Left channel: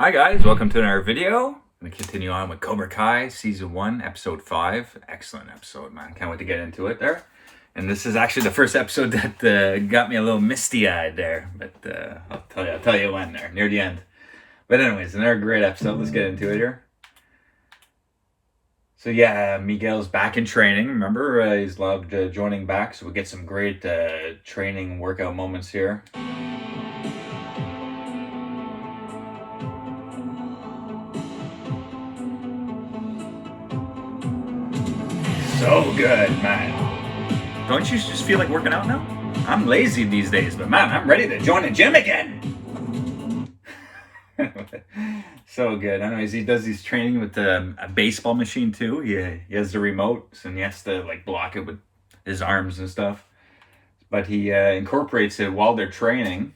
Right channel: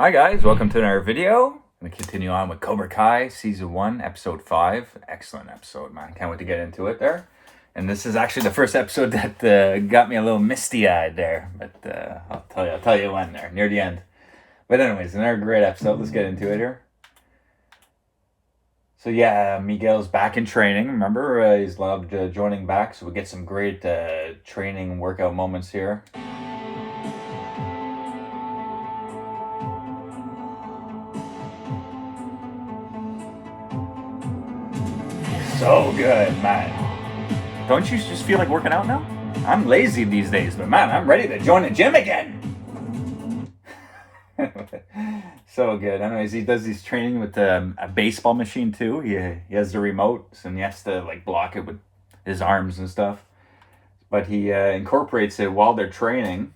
Hi guys, welcome to another video. I'm going to continue on with Cobra Kai Season 1, Episode 5. Excellent episode, man. Can't wait to get into it there. And this is actually the first episode that got me a little misty-eyed there. But I'll tell you when there, near the end. But anyways, another great episode. Let's get into it here. So yeah, Miguel's back in training. Remember, he's loved joining back. So we get some great training workout moments here. So good, man. Don't you just feel like working out now? I'm lazy these days, but man, I'm ready to join the gym again. So good. Anyways, he does his training with a baseball machine too. He has the remote, and he has to like block it with his arms and stuff. But he incorporates it while they're training.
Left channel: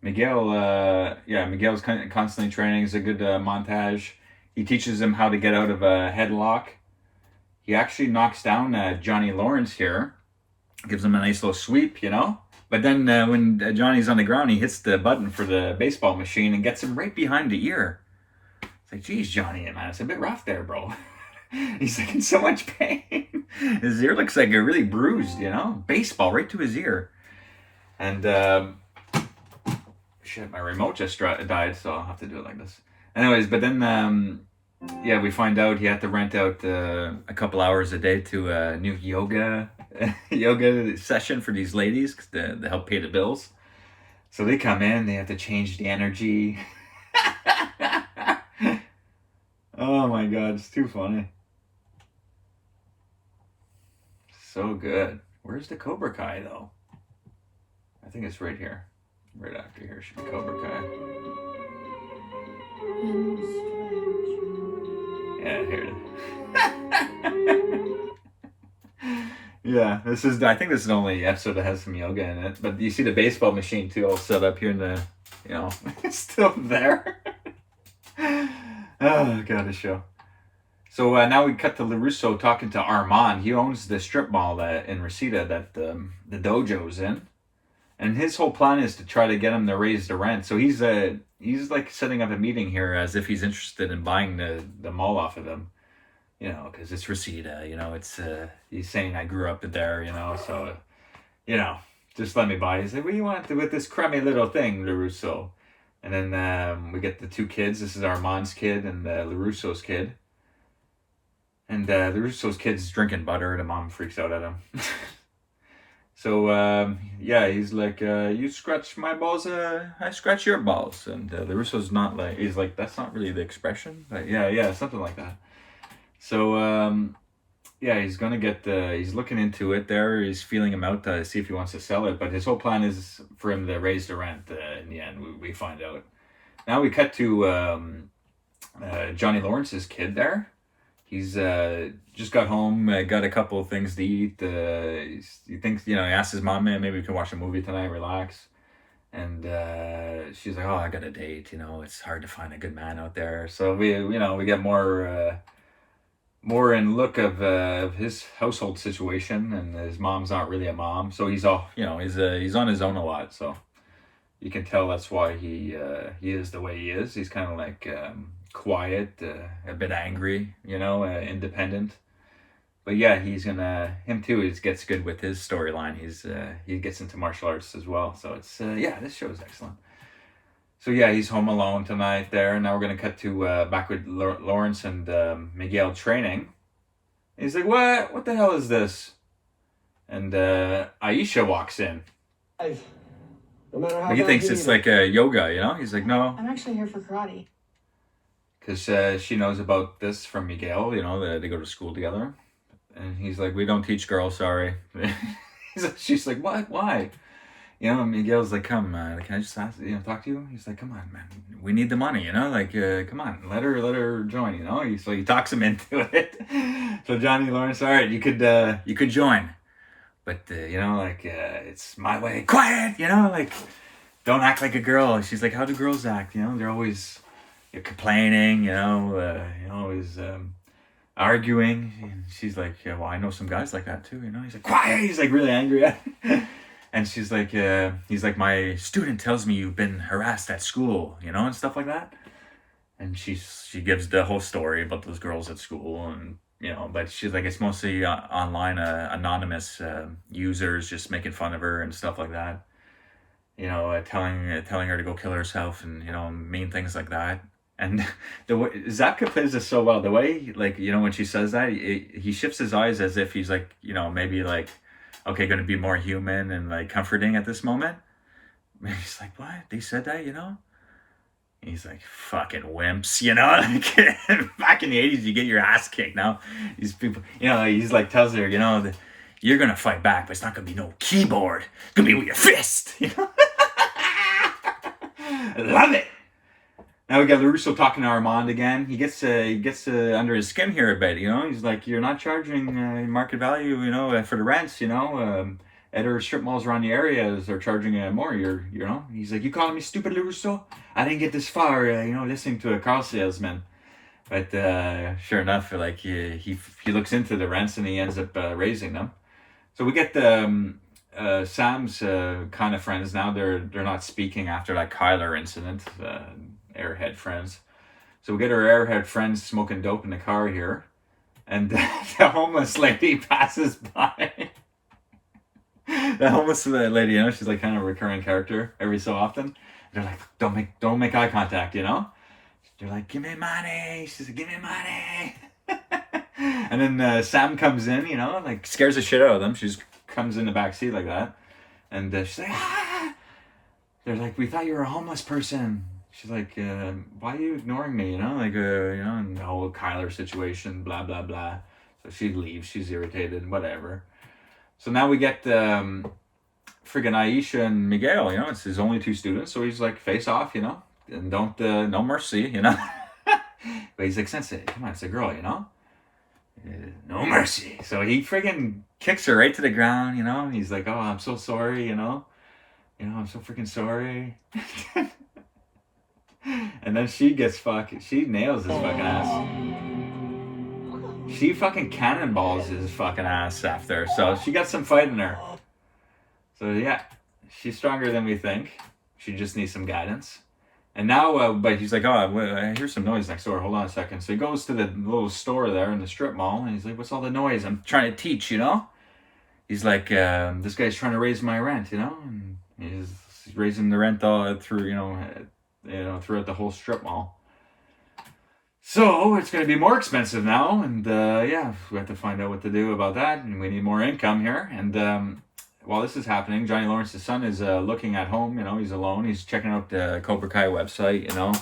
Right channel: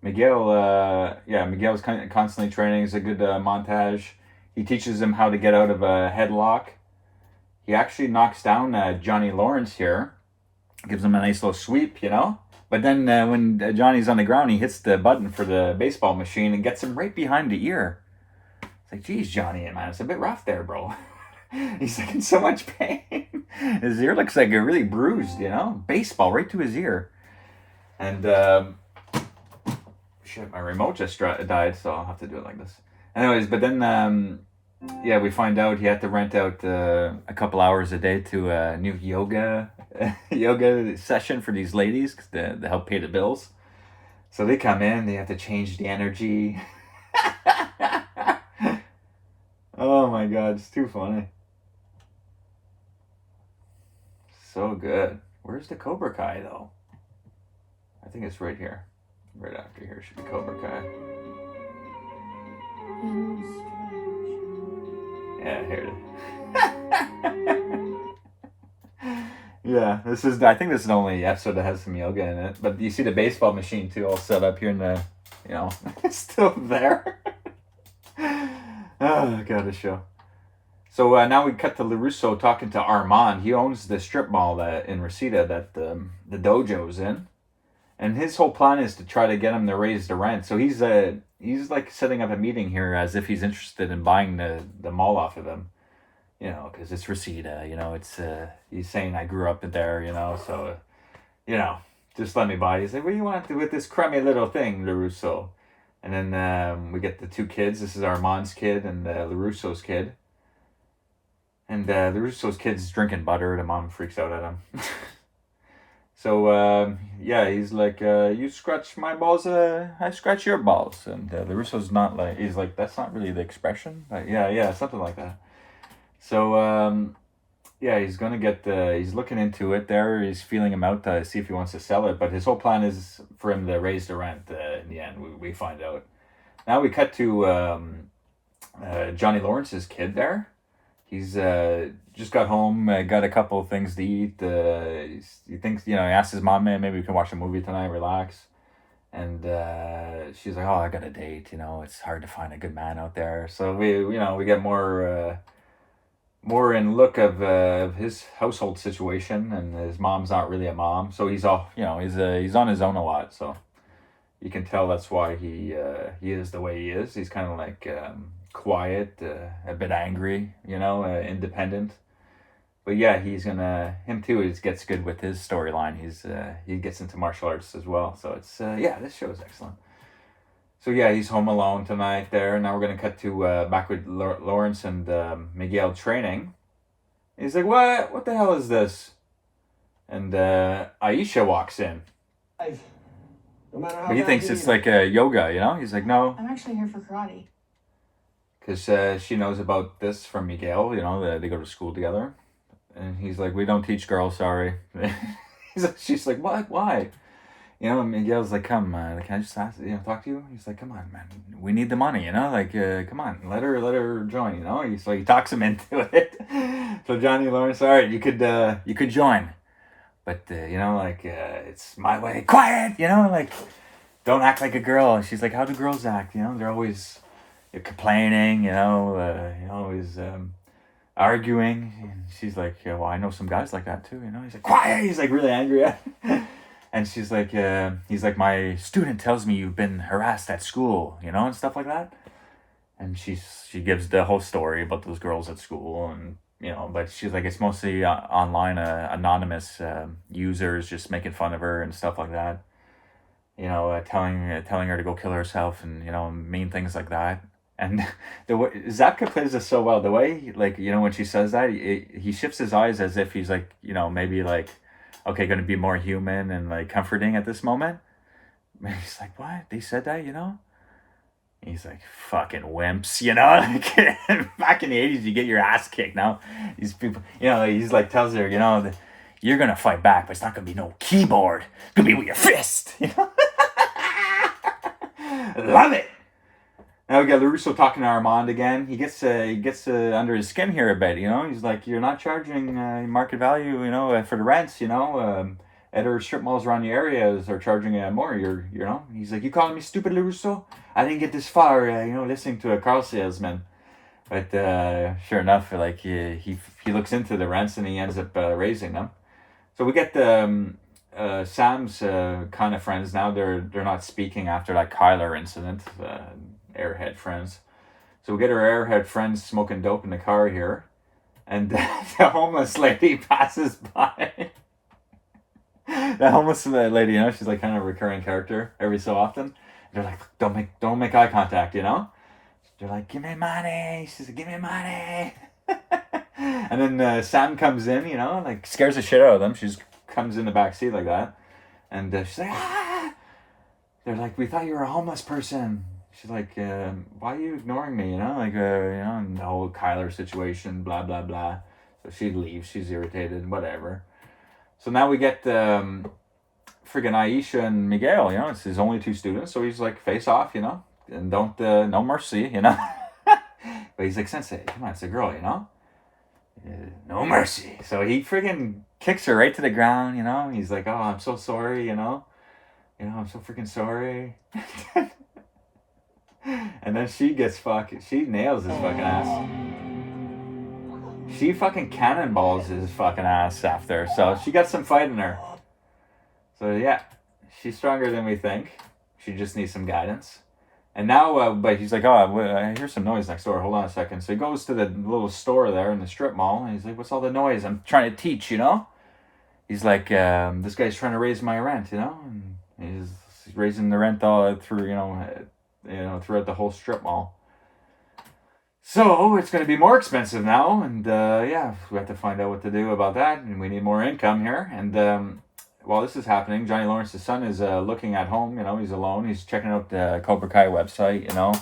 Miguel's constantly training. It's a good montage. He teaches him how to get out of a headlock. He actually knocks down Johnny Lawrence here. Gives him a nice little sweep, you know. But then when Johnny's on the ground, he hits the button for the baseball machine and gets him right behind the ear. It's like, geez, Johnny, man, it's a bit rough there, bro. He's like in so much pain. His ear looks like a really bruised, you know. Baseball right to his ear. And, shit, my remote just died, so I'll have to do it like this. Anyways, but then... we find out he had to rent out a couple hours a day to a new yoga session for these ladies to help pay the bills. So they come in, they have to change the energy. Oh my god, it's too funny. So good. Where's the Cobra Kai though? I think it's right here. Right after here should be Cobra Kai. Yeah, here it is. Yeah, I think this is the only episode that has some yoga in it. But you see the baseball machine too, all set up here in the, it's still there. Oh, God, this show. So now we cut to LaRusso talking to Armand. He owns the strip mall in Reseda that the dojo's in. And his whole plan is to try to get him to raise the rent. So he's like setting up a meeting here as if he's interested in buying the mall off of him, because it's Reseda, it's he's saying I grew up there, so just let me buy. He's like, what do you want with this crummy little thing, LaRusso? And then we get the two kids. This is Armand's kid and LaRusso's kid. And LaRusso's kid's drinking butter. The mom freaks out at him. So, he's like, you scratch my balls, I scratch your balls. And LaRusso's not like, he's like, that's not really the expression. But yeah, something like that. So, he's going to he's looking into it there. He's feeling him out to see if he wants to sell it. But his whole plan is for him to raise the rent in the end, we find out. Now we cut to Johnny Lawrence's kid there. He's just got home, got a couple of things to eat. He thinks, he asks his mom, maybe we can watch a movie tonight, relax. And she's like, oh, I got a date. It's hard to find a good man out there. So we get more in look of his household situation, and his mom's not really a mom. So he's all, he's on his own a lot. So you can tell that's why he is the way he is. He's kind of like quiet, a bit angry, independent. But yeah, him too, he gets good with his storyline. He gets into martial arts as well. So it's, this show is excellent. So yeah, he's home alone tonight there. Now we're going to cut to back with Lawrence and Miguel training. He's like, what the hell is this? And Aisha walks in. No matter how but he thinks it's like a yoga, He's like, no. I'm actually here for karate. Because she knows about this from Miguel, they go to school together. And he's like, we don't teach girls, sorry. She's like, what? Why? Miguel's like, come, can I just talk to you? He's like, come on, man. We need the money, come on, let her join, He's like, he talks him into it. So Johnny Lawrence, all right, you could join. But, it's my way. Quiet, don't act like a girl. And she's like, how do girls act? They're always complaining, always arguing. And she's like, yeah, well, I know some guys like that too, He's like, quiet. He's like really angry at her. And she's like, he's like, my student tells me you've been harassed at school, you know, and stuff like that. And she gives the whole story about those girls at school, and you know, but she's like, it's mostly online, anonymous users just making fun of her and stuff like that. You know, telling her to go kill herself, and you know, mean things like that. And the way Zapka plays this so well, the way, like, you know, when she says that, he shifts his eyes as if he's like, you know, maybe like, okay, going to be more human and like comforting at this moment. And he's like, what? They said that, you know? And he's like, fucking wimps, you know? Back in the 80s, you get your ass kicked. Now, these people, you know, he's like, tells her, you know, you're going to fight back, but it's not going to be no keyboard. It's going to be with your fist, you know? Love it. Now we got LaRusso talking to Armand again. He gets under his skin here a bit, you know? He's like, you're not charging market value, you know, for the rents, you know? Other strip malls around the areas are charging more. You know, he's like, you calling me stupid, LaRusso? I didn't get this far, you know, listening to a car salesman. But sure enough, like he looks into the rents and he ends up raising them. So we get the Sam's kind of friends now. They're not speaking after that Kyler incident. Airhead friends. So we get our airhead friends smoking dope in the car here, and the homeless lady passes by. The homeless lady, you know, she's like kind of a recurring character every so often. They're like, don't make eye contact, you know? They're like, give me money. She's like, give me money. And then Sam comes in, you know, like scares the shit out of them. She just comes in the back seat like that. And she's like, ah! They're like, we thought you were a homeless person. She's like, why are you ignoring me, you know? Like, you know, and the whole Kyler situation, blah, blah, blah. So she leaves. She's irritated, whatever. So now we get friggin' Aisha and Miguel, you know, it's his only two students. So he's like, face off, you know, and don't, no mercy, you know. But he's like, Sensei, come on, it's a girl, you know. No mercy. So he friggin' kicks her right to the ground, you know. He's like, oh, I'm so sorry, you know. You know, I'm so freaking sorry. And then she gets she nails his fucking ass. She fucking cannonballs his fucking ass after. So she got some fight in her. So yeah, she's stronger than we think. She just needs some guidance. And now, but he's like, oh, I hear some noise next door. Hold on a second. So he goes to the little store there in the strip mall. And he's like, what's all the noise? I'm trying to teach, you know? He's like, this guy's trying to raise my rent, you know? And he's raising the rent all through, you know, throughout the whole strip mall. So it's going to be more expensive now, and yeah, we have to find out what to do about that, and we need more income here. And while this is happening, Johnny Lawrence's son is looking at home. You know, he's alone. He's checking out the Cobra Kai website. You know,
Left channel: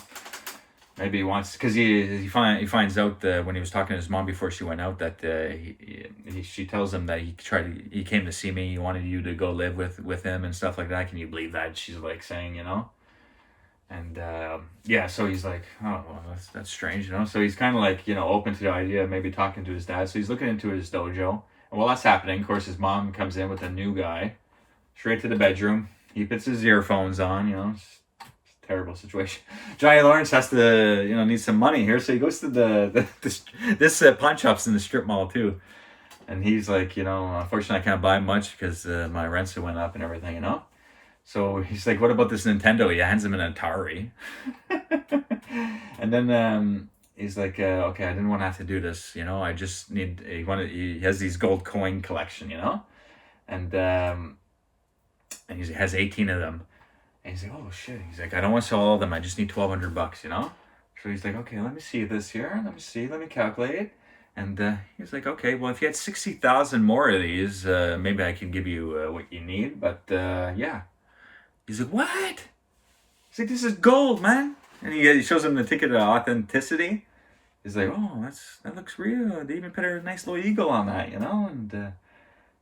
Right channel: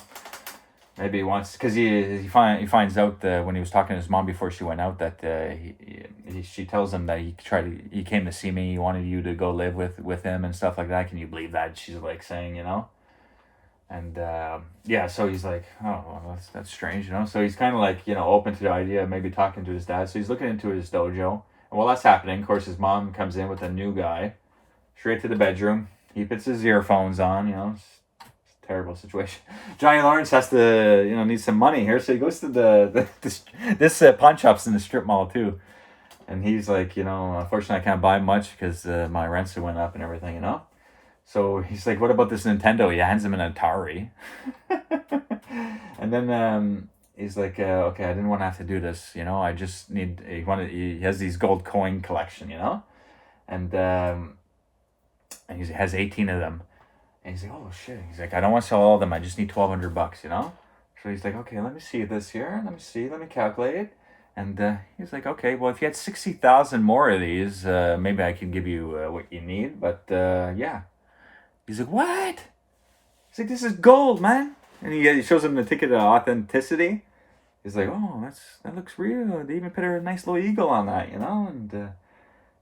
maybe he wants, because he finds out when he was talking to his mom before she went out that she tells him that he came to see me. He wanted you to go live with him and stuff like that. Can you believe that? She's like saying, you know. And yeah, so he's like, oh, well, that's strange, you know. So he's kind of like, you know, open to the idea of maybe talking to his dad. So he's looking into his dojo. And while that's happening, of course, his mom comes in with a new guy, straight to the bedroom. He puts his earphones on, you know. It's a terrible situation. Johnny Lawrence has to, you know, need some money here. So he goes to this pawn shop's in the strip mall too. And he's like, you know, unfortunately I can't buy much because my rents went up and everything, you know. So he's like, what about this Nintendo? He hands him an Atari. And then he's like, okay, I didn't want to have to do this, you know. I just need, he has these gold coin collection, you know. And he has 18 of them. And he's like, oh shit. He's like, I don't want to sell all of them. I just need $1,200, you know. So he's like, okay, let me see this here. Let me calculate. And he's like, okay, well, if you had 60,000 more of these, maybe I can give you what you need. But yeah. He's like, what? He's like, this is gold, man. And he shows him the ticket of authenticity. He's like, oh, that looks real. They even put a nice little eagle on that, you know? And,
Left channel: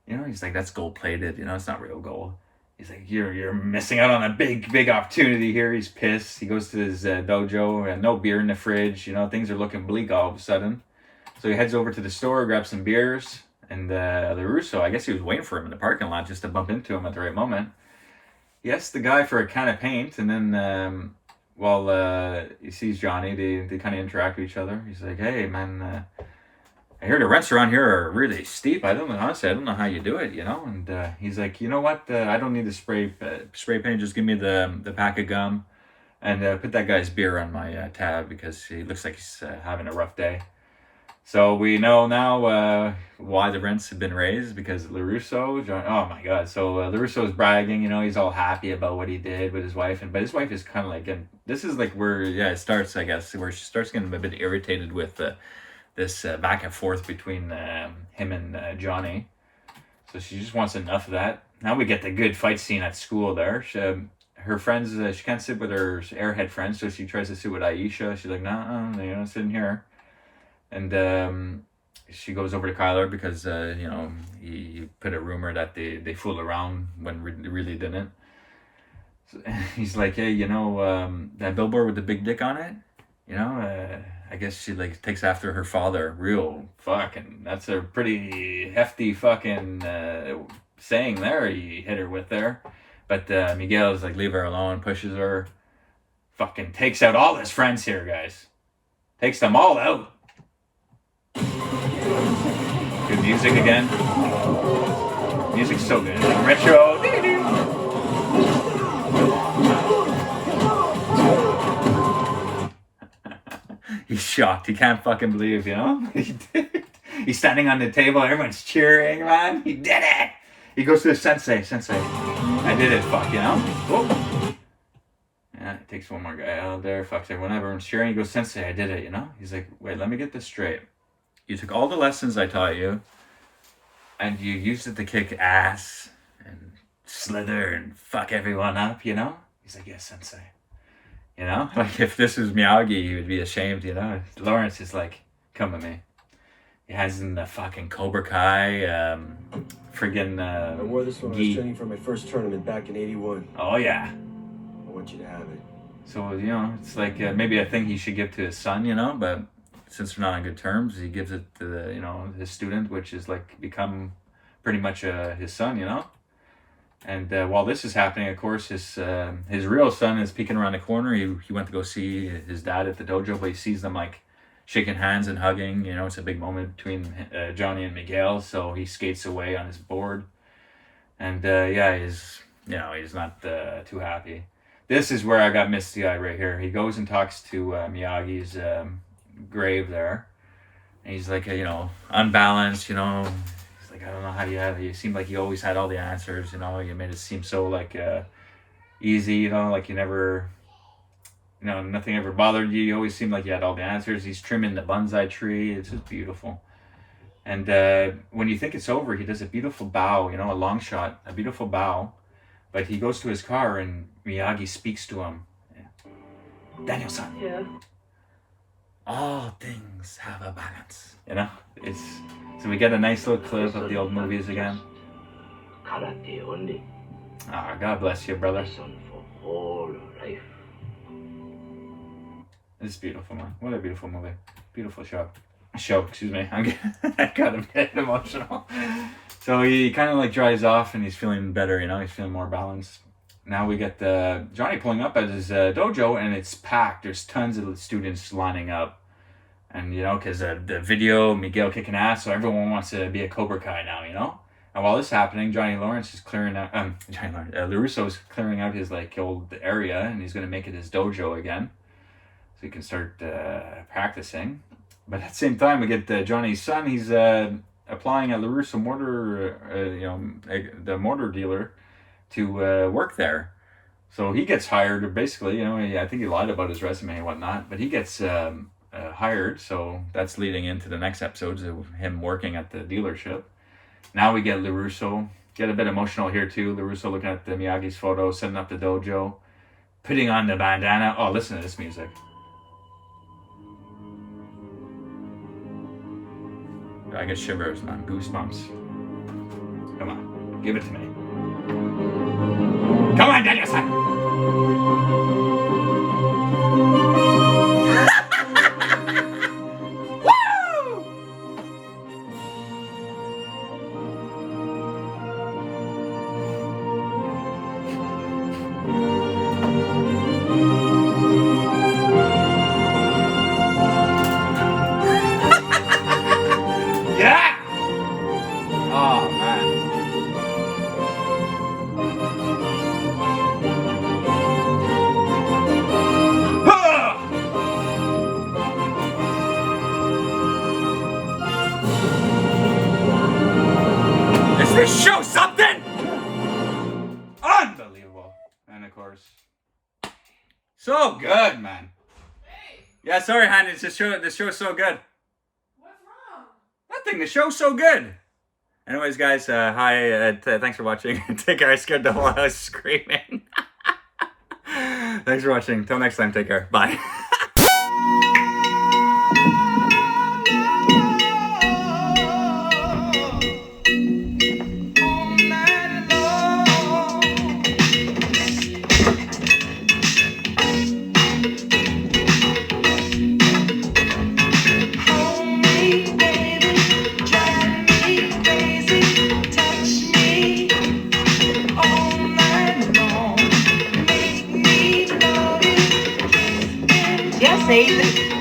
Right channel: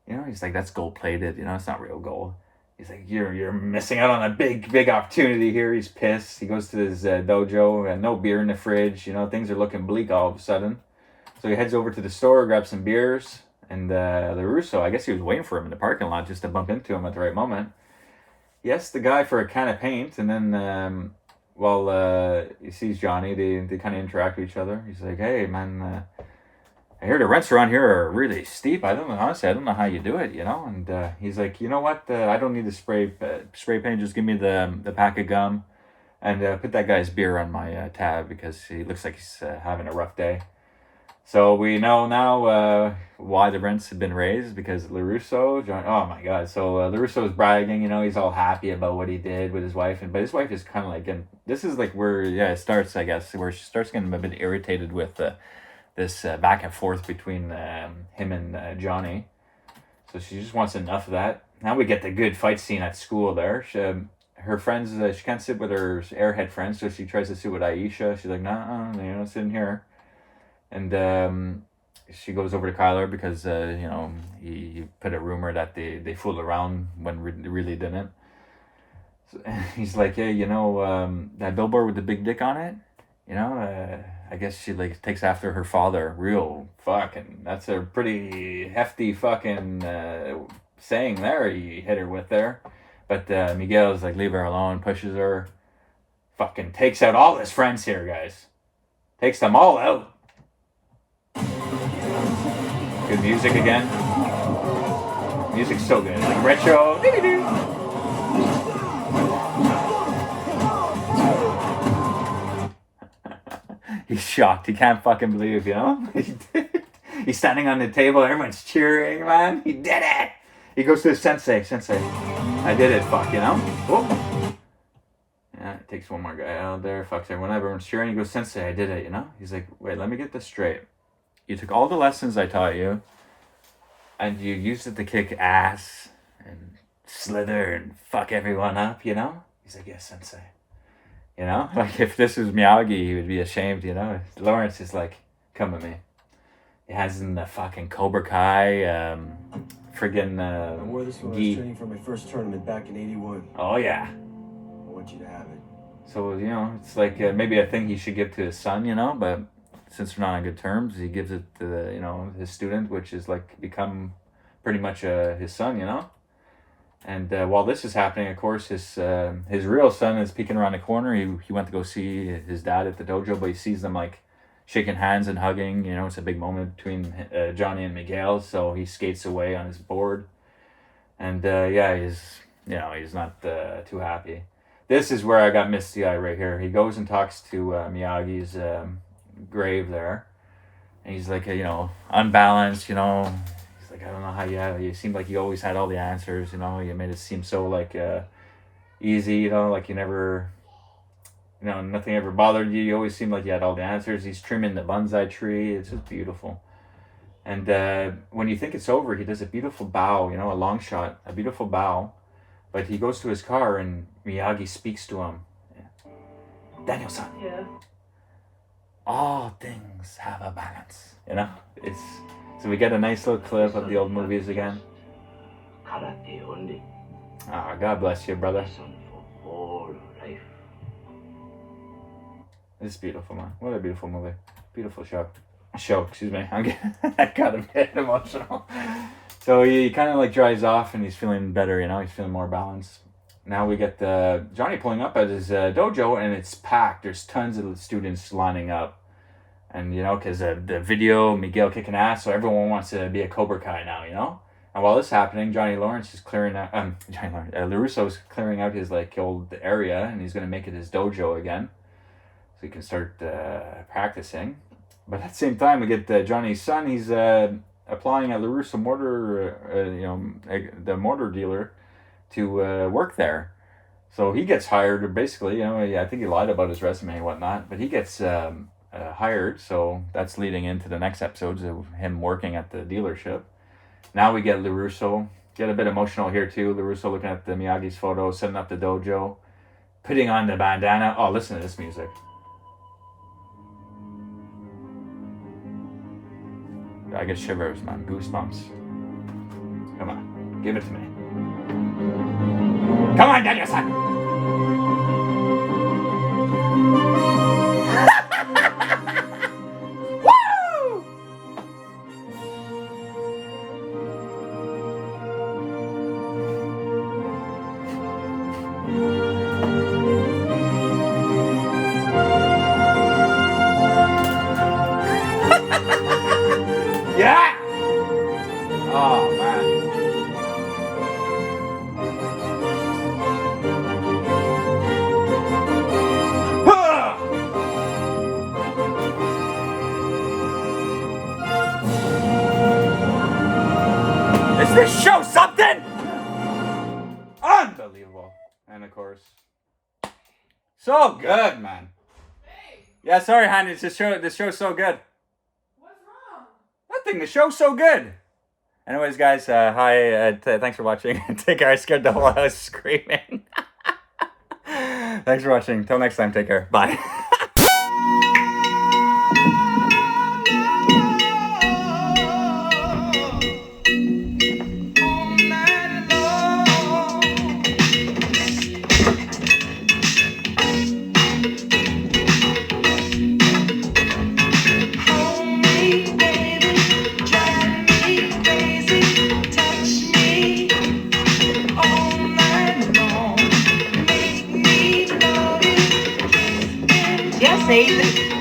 you know, he's like, that's gold plated, you know? It's not real gold. He's like, you're missing out on a big opportunity here. He's pissed. He goes to his dojo and no beer in the fridge. You know, things are looking bleak all of a sudden. So he heads over to the store, grabs some beers. And LaRusso, I guess he was waiting for him in the parking lot just to bump into him at the right moment. He asks the guy for a can of paint, and then while he sees Johnny, they kind of interact with each other. He's like, hey, man, I hear the rents around here are really steep. I don't know, honestly, I don't know how you do it, you know? And he's like, you know what? I don't need a spray paint. Just give me the pack of gum and put that guy's beer on my tab because he looks like he's having a rough day. So we know now why the rents have been raised because LaRusso, oh my God. So LaRusso is bragging, you know, he's all happy about what he did with his wife. But his wife is kind of like, and this is like where, yeah, it starts, I guess, where she starts getting a bit irritated with this back and forth between him and Johnny. So she just wants enough of that. Now we get the good fight scene at school there. Her friends, she can't sit with her airhead friends, so she tries to sit with Aisha. She's like, no, you know, sitting here. And she goes over to Kyler because, you know, he put a rumor that they fool around when they really didn't. So he's like, hey, you know, that billboard with the big dick on it, you know, I guess she like takes after her father. Real fucking, that's a pretty hefty fucking saying there he hit her with there. But Miguel's like, leave her alone, pushes her. Fucking takes out all his friends here, guys. Takes them all out. Good music again. Music's so good. Retro. He's shocked. He can't fucking believe, you know? He did it. He's standing on the table. Everyone's cheering, man. He did it. He goes to the sensei. I did it, fuck, you know? Whoa. Yeah, it takes one more guy out there. Fucks everyone. Everyone's cheering. He goes, sensei, I did it, you know? He's like, wait, let me get this straight. You took all the lessons I taught you, and you used it to kick ass and slither and fuck everyone up, you know? He's like, yes, sensei. You know? Like, if this was Miyagi, he would be ashamed, you know? Lawrence is like, come with me. He has in the fucking Cobra Kai, friggin' I wore this when I was training for my first tournament back in '81. Oh, yeah. I want you to have it. So, you know, it's like maybe a thing he should give to his son, you know? But since they're not on good terms, he gives it to, you know, his student, which is like become pretty much his son, you know? And while this is happening, of course, his real son is peeking around the corner. He went to go see his dad at the dojo, but he sees them like shaking hands and hugging. You know, it's a big moment between Johnny and Miguel. So he skates away on his board, and yeah, he's not too happy. This is where I got misty eye right here. He goes and talks to Miyagi's grave there, and he's like, you know, unbalanced. You know. Like, I don't know how you seemed like you always had all the answers, you know, you made it seem so like easy, you know, like you never, you know, nothing ever bothered you. You always seemed like you had all the answers. He's trimming the bonsai tree. It's just beautiful. And when you think it's over, he does a beautiful bow, you know, a long shot, a beautiful bow. But he goes to his car and Miyagi speaks to him. Yeah. Daniel-san. Yeah. All things have a balance. You know, so we get a nice little clip of the old movies again. Karate only. Ah, God bless you, brother. Lesson for whole life. It's beautiful, man. What a beautiful movie. Beautiful show. Excuse me. I got a bit emotional. So he kind of like dries off and he's feeling better, you know, he's feeling more balanced. Now we get Johnny pulling up at his dojo and it's packed. There's tons of students lining up. And, you know, because the video, Miguel kicking ass, so everyone wants to be a Cobra Kai now, you know? And while this is happening, LaRusso is clearing out his, like, old area, and he's going to make it his dojo again. So he can start practicing. But at the same time, we get Johnny's son. He's applying at LaRusso Mortar, the mortar dealer, to work there. So he gets hired, basically, you know, I think he lied about his resume and whatnot, but he gets hired, so that's leading into the next episodes of him working at the dealership. Now we get LaRusso, get a bit emotional here too. LaRusso looking at the Miyagi's photo, setting up the dojo, putting on the bandana. Oh, listen to this music. I get shivers, man, goosebumps. Come on, give it to me. Come on, Daniel-san! So good, man. Yeah, sorry, Han. It's the show's so good. What's wrong? Nothing. The show's so good. Anyways, guys, hi. Thanks for watching. Take care. I scared the whole house screaming. Thanks for watching. Till next time. Take care. Bye. Yes, Aiden.